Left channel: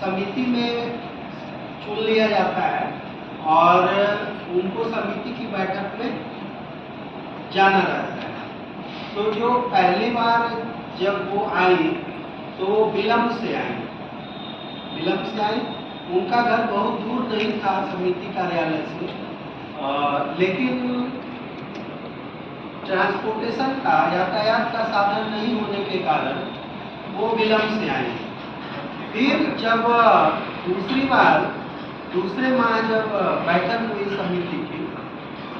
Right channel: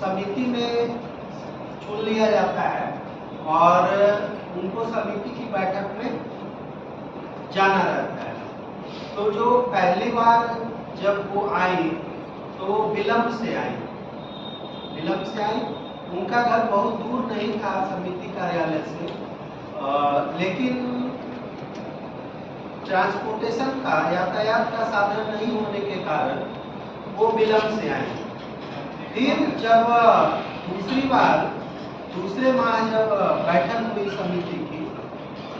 समिति में चुन लिया जाता है और उनको समिति की बैठक में जाना रहता है। तो जो पहली बार जब वो आई तो विलम्ब से आई, उनका घर बहुत दूर नहीं था समिति कार्यालय से, लेकिन ट्रांसपोर्टेशन का, यातायात का साधन नहीं होने के कारण वो विलम्ब से आई। फिर जब दूसरे माह जब बैठक हुई समिति की,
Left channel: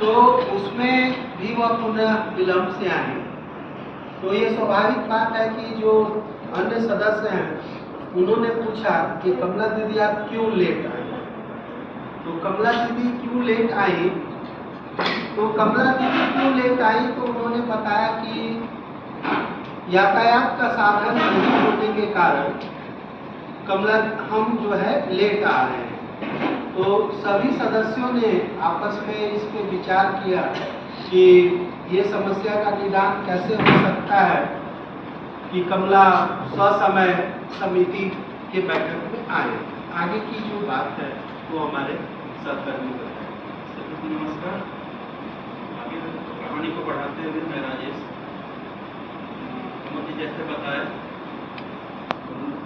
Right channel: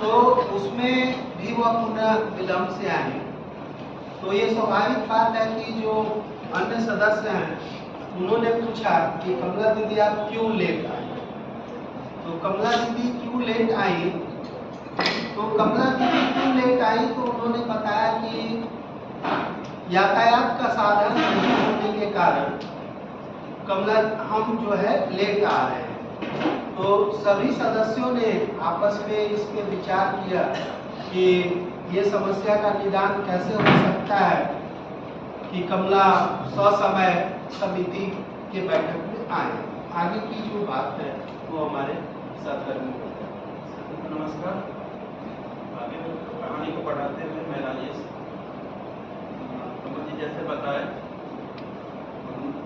तो उसमें भी वह पुनः विलम्ब से आए। तो ये स्वाभाविक बात है कि जो अन्य सदस्य हैं उन्होंने पूछा कि कमला दीदी आप क्यों लेट आए। तो कमला दीदी क्यों लेट आई, तो उन्होंने बताया कि यातायात का साधन नहीं होने के कारण हम जो है लेट आ रहे हैं। तो सभी सदस्यों ने आपस में इस पे विचार किया कि ये समस्या का निदान कैसे हो सकता है कि कमला ससमय समिति के बैठक में आए। आगे की जो बात है वो हमारे सहकर्मी बताएं। नमस्कार। आगे तो कहानी को बढ़ाते हुए मैं राजेश जी जैसे बताया,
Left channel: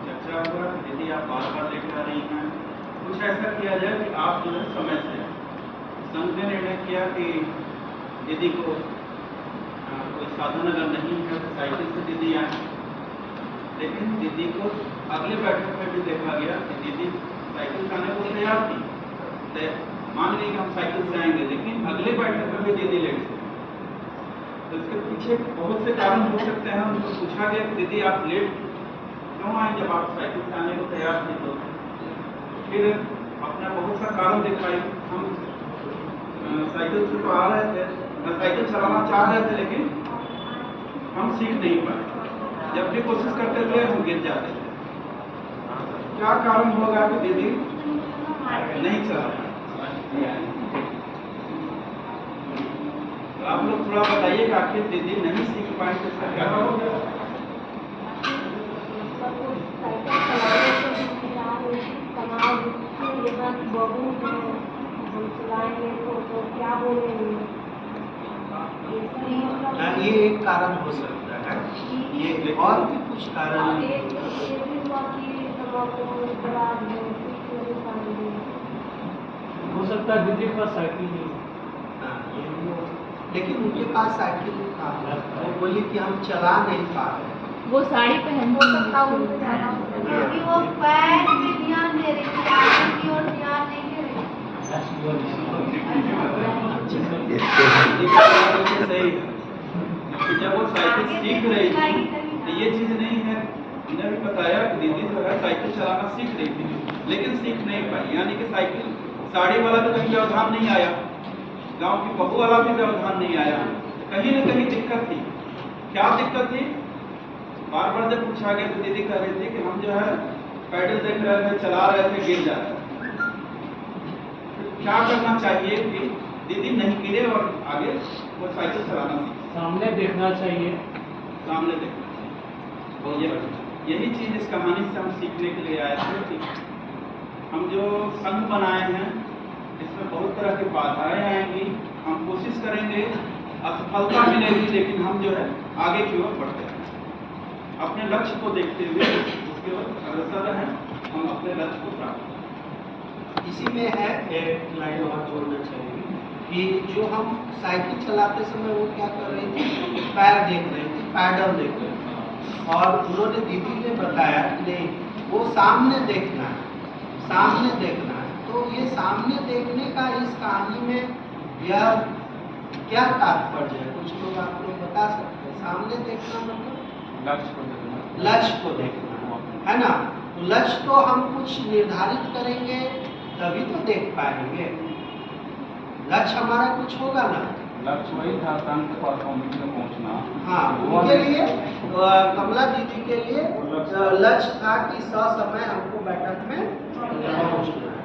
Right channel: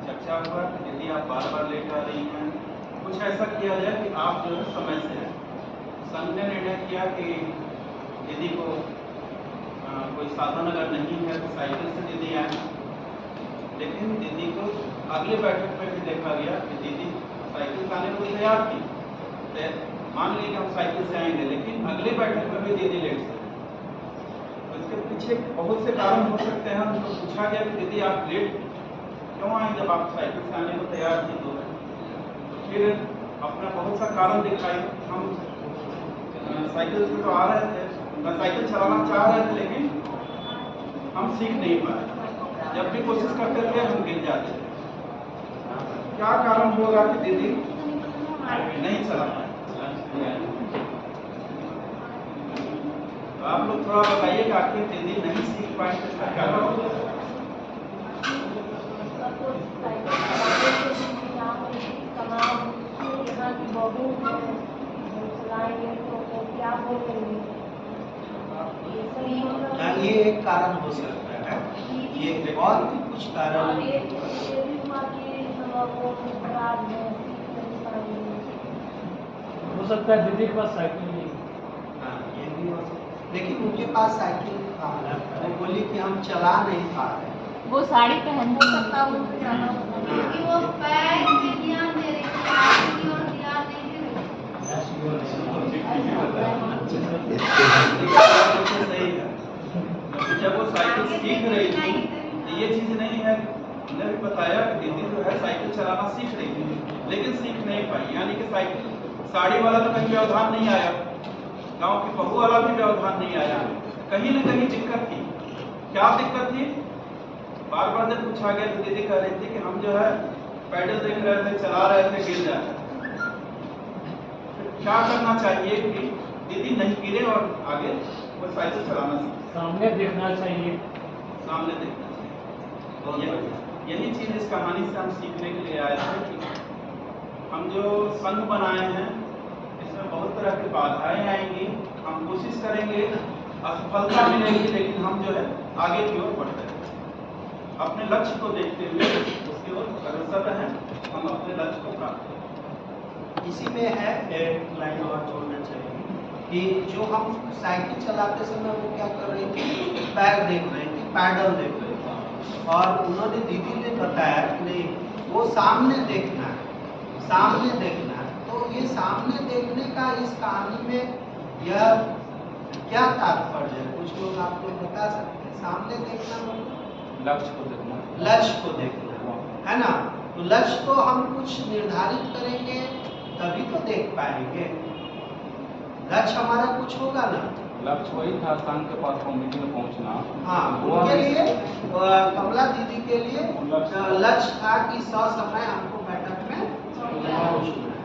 चर्चा होगा यदि आप बार बार लेट आ रही हैं, कुछ ऐसा किया जाए कि आप जो है समय से आए। संघ ने निर्णय किया कि दीदी को कोई साधन अगर नहीं है तो साइकिल से दीदी आए, लेकिन दीदी को अगले बैठक में भी देखा गया कि दीदी साइकिल से आने को तैयार थी। मान लीजिए कि हम साइकिल से आएंगे, लेकिन अगले बैठक में भी दीदी लेट से। तो इसके पीछे बहुत से कारण हो सकते हैं। उनको पूछा गया कि दीदी आप लेट क्यों आए जब आप साइकिल से आने को तैयार थे। तो फिर अपना बहुत सा कारण दिखाई। हम साइकिल से तो आ रहे थे, साइकिल चलाना चाह रहे थे, लेकिन हम सीख नहीं पाए। जब भी कोशिश करते थे हम गिर जाते थे। क्या कारण होगा कि दीदी नहीं चला पाए? तो आप लोग थोड़ा बताइए कि आखिर दीदी नहीं सीख पाए तो इसका क्या कारण होगा? ये एक कारण हो सकता है, ये और भी कुछ कारण हो सकता है दीदी के पास साइकिल नहीं। हाँ, ये भी हो सकता है, लेकिन उनके पास साइकिल था, वो बोली कि हम चला नहीं पा रहे। वो साड़ी पहन सकता है, उनको जाना क्योंकि वो पैर पे ध्यान दे रही है, आगे की ओर ध्यान नहीं दे रही। जब वो साइकिल सीख रही थी तो ये चीज नहीं है, उन्होंने भी बताया कि दीदी जो है साइकिल चलाना सीख रही थी, लेकिन सीख नहीं पाई। यानी कि साइकिल साड़ी वाला तो कहीं व्यवधान नहीं आया, गांव की बहू वाला भी व्यवधान नहीं आया, कहीं न कहीं दिक्कत थी। क्या दिक्कत थी? बार बार जब पूछा गया तो दीदी कह रही थी कि हम जो है पैडल देख रहे थे, चला रहे थे, गिर जा रहे थे। क्या करना चाहिए कि दीदी नहीं गिरे और आगे वो साइकिल चलाना सीखे? सामने देखना चाहिए, सामने देखना चाहिए। यही चीज इस कहानी से हम सीखने के लिए आए थे कि हम जो संघ बनाए हैं इसमें बहुत तरह की बाधाएं आएंगी। हम कोशिश करेंगे, असफलता मिलेगी, लेकिन हम जो है आगे की ओर बढ़ते हैं। अपने लक्ष्य को देखते हुए उसकी ओर अग्रसर रहें, हम अपने लक्ष्य को प्राप्त करें। इसी में है एक लाइन और जोड़ना चाहिए कि जो हम साइकिल चलाते समय वो क्या कर रही थी, पैर देख रही थी, पैडल देख रही थी, और उन्होंने दीदी ने बताया कि नहीं वो सामने देखना है, सामने देखना है। तो ये सामने देखने का इस कहानी में यह क्या तात्पर्य है, कुछ लोग आप लोग बता सकते हैं? सामने देखना मतलब लक्ष्य को देखना, लक्ष्य को देखना है ना। तो लक्ष्य तो हम कुछ निर्धारित करेंगे तभी तो देख पाएंगे। लक्ष्य हमारा कुछ होगा ना। लक्ष्य वही था संघ के पास कमेटी में पहुंचना। हाँ, उनके लिए कमला दीदी के लिए लक्ष्य था कि ससमय हमको बैठक में पहुंचना है।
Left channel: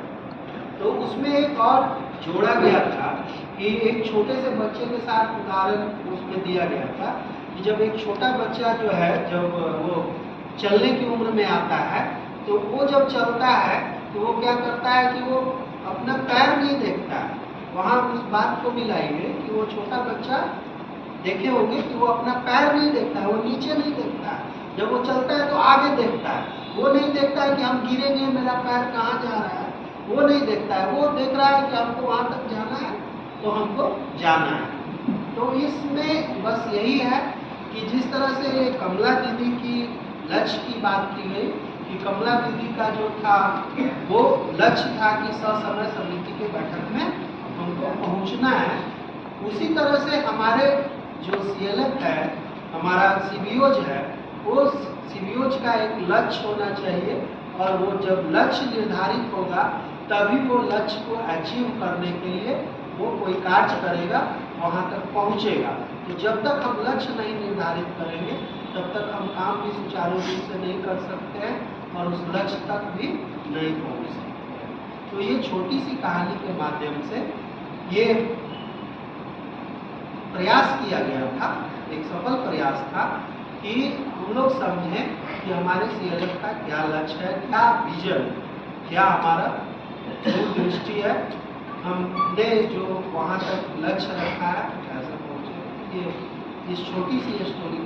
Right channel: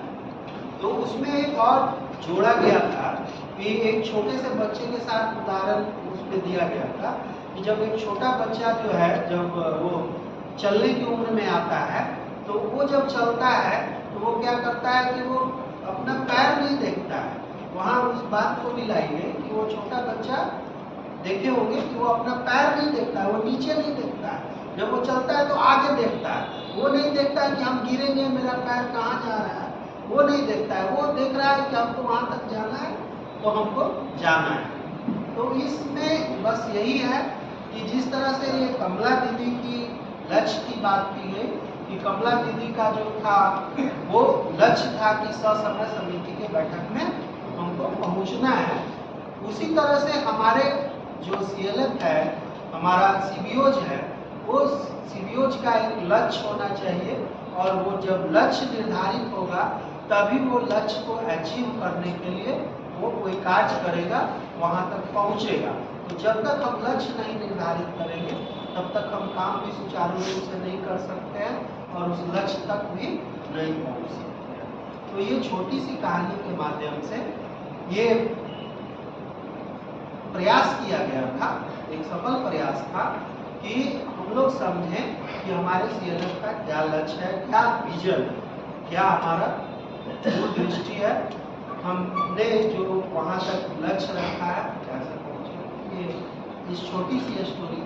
तो उसमें एक और जोड़ा गया था कि एक छोटे से बच्चे के साथ उदाहरण उसमें दिया गया था कि जब एक छोटा बच्चा जो है जब वो चलने की उम्र में आता है तो वो जब चलता है तो वो क्या करता है कि वो अपना पैर नहीं देखता है। वहाँ उस बात को मिलाइए कि वो छोटा बच्चा देखे होंगे कि वो अपना पैर नहीं देखता है, वो नीचे नहीं देखता है। जब वो चलता है तो आगे देखता है, वो नहीं देखता है कि हम गिरेंगे, मेरा पैर कहाँ जा रहा है, वो नहीं देखता है। वो देख रहा है कि हमको वहाँ तक जाना है तो हमको जाना है। तो इसमें बस यही है कि जिस तरह से ये कमला दीदी की लक्ष्य की बात की गई कि कमला दीदी का जो था वो लक्ष्य था कि ससमय समिति के बैठक में हमको पहुंचना है, उसी तरह से हमारे जो सीएलएफ है, हमारा सीबीओज है, वो सीबीओज का एक लक्ष्य होना चाहिए और वो जब लक्ष्य निर्धारित होगा तभी वो लक्ष्य को अचीव करने के लिए वो कोई कार्य करेगा, वहाँ तक पहुँचेगा। तो जब तक हम लक्ष्य नहीं निर्धारित करेंगे तब तक हम काम भी सुचारू रूप से नहीं कर सकते हैं और उस लक्ष्य तक भी नहीं पहुँच सकते हैं। तो ये छोटी सी कहानी के माध्यम से ये प्रयास किया गया था, एक सफल प्रयास था कि हम लोग समझें कि हमारे सीएलएफ का क्या लक्ष्य है, क्या विजन, क्या हमारा दूरदृष्टि है, हमने जो वहाँ तक लक्ष्य रखा है कैसे पहुँचे। ये इस छोटी सी स्टोरी